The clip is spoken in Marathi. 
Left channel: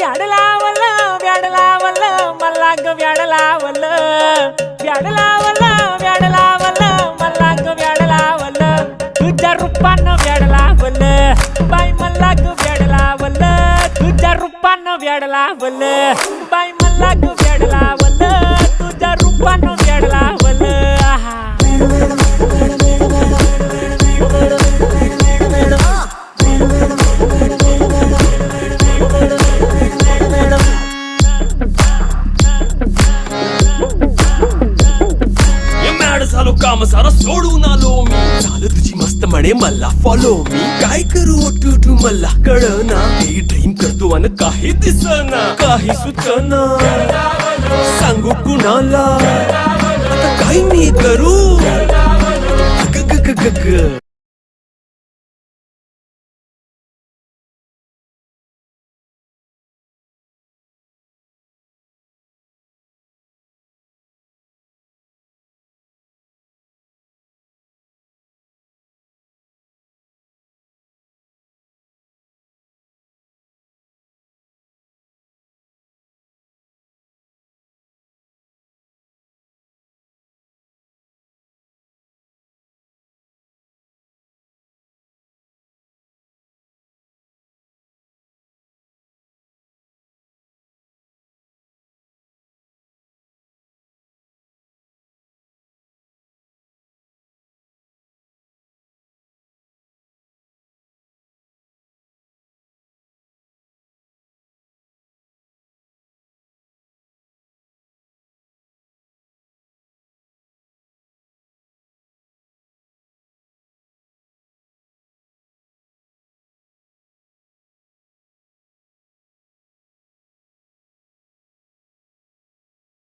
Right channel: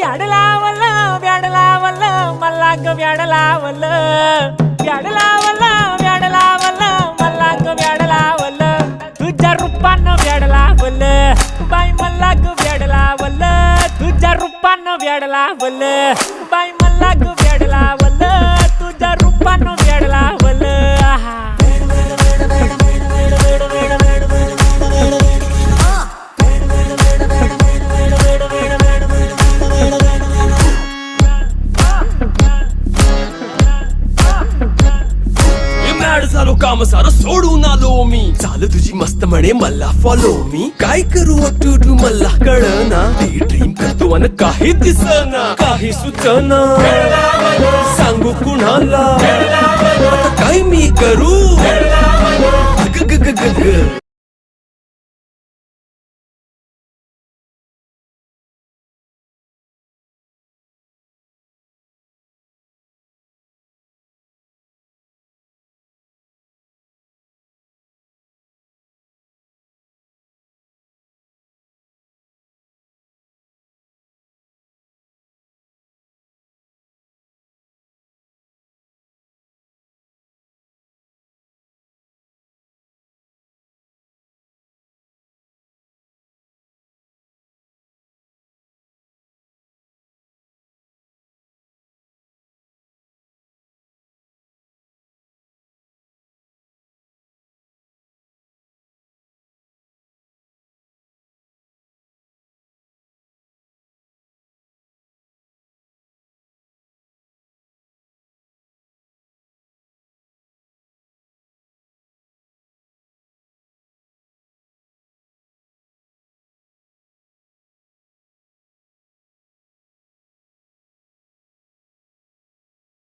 व्याड लावलं व्याड लावलं मला ग व्याड लावलं व्याड लावलं व्याड लावलं मला ग व्याड लावलं तुझ्या रूपानं व्याड लावलं बाई मला ग व्याड लावलं तुझ्या रूपानं व्याड लावलं बाई मला ग व्याड लावलं तुझ्या रूपानं व्याड लावलं आहा झालो काम सारं सोडून आलो मी चाल तुझी मस्त म्हणे मला फॉलो मी काय करू टू मला कळना ती ड्रीम करतो आणि काही दिसना काही सुचना सांगू कुणाला आता काय मी करू ग ग ग ग ग